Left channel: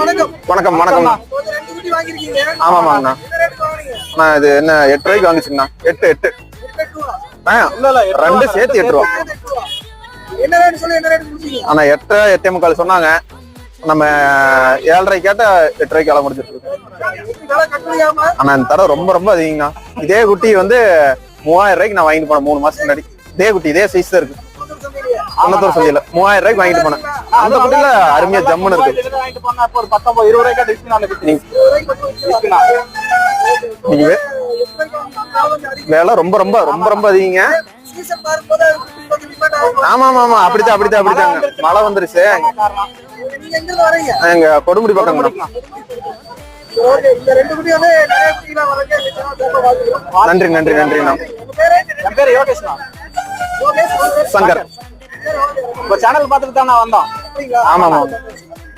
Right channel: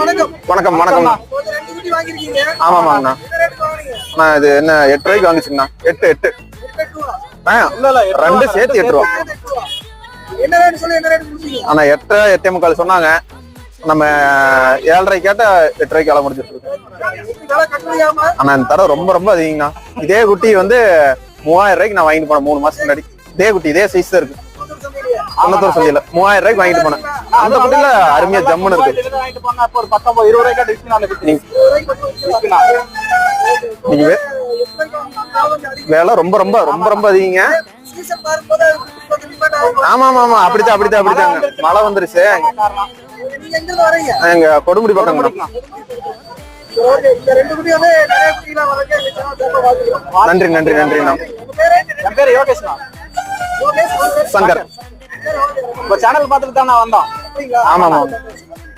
வணக்கம். வணக்கம் ஆமாமாங்கண்ணா ரேட் வாங்குறீங்க? அண்ணா. இது என்ன எட்டு ரூபாய்க்கு வாங்கிச்சுங்கண்ணா. எட்டு எட்டு. ரெண்டு சேர்த்து எட்டு ரூபா. ஆனா எட்டு எட்டே முக்கால் சொன்னாங்க. நம்ம ஏழரை கேட்டா எட்டு ரூபாய்க்கு வேலை முடிச்சிருக்கோம் ஆனா இந்த தடவை ரொம்ப ரொம்ப அதிகங்கண்ணா. இதே குட்டி வந்து மூவாயிரம் ரூபாய்க்கு நான் வாங்கிட்டு போனேன் மூணு மாசத்துக்கு முன்னாடி. இதே குட்டி இதே சைஸ் தான் இருக்கு. குன்னத்தூர் சந்தையில மூவாயிரம் ரூபாய்க்கு வாங்கிட்டு போனேன். அந்த குட்டில அருமையா ஜம்முன்னு இருக்கு. வேலை ரொம்ப ரொம்ப ரொம்ப ரொம்ப அதிகங்க. ஆமா ஆமா ஆமா. அப்படிதான் அப்படிதான் அப்படிதான் மழை வந்துருச்சு. எங்க கொடுமுடி பக்கம். நன்றி நன்றி நன்றி என் பேர்? சங்கர். சேனல் பார்த்துட்டு தான் நான் வந்தோம். ஆமா ஆமா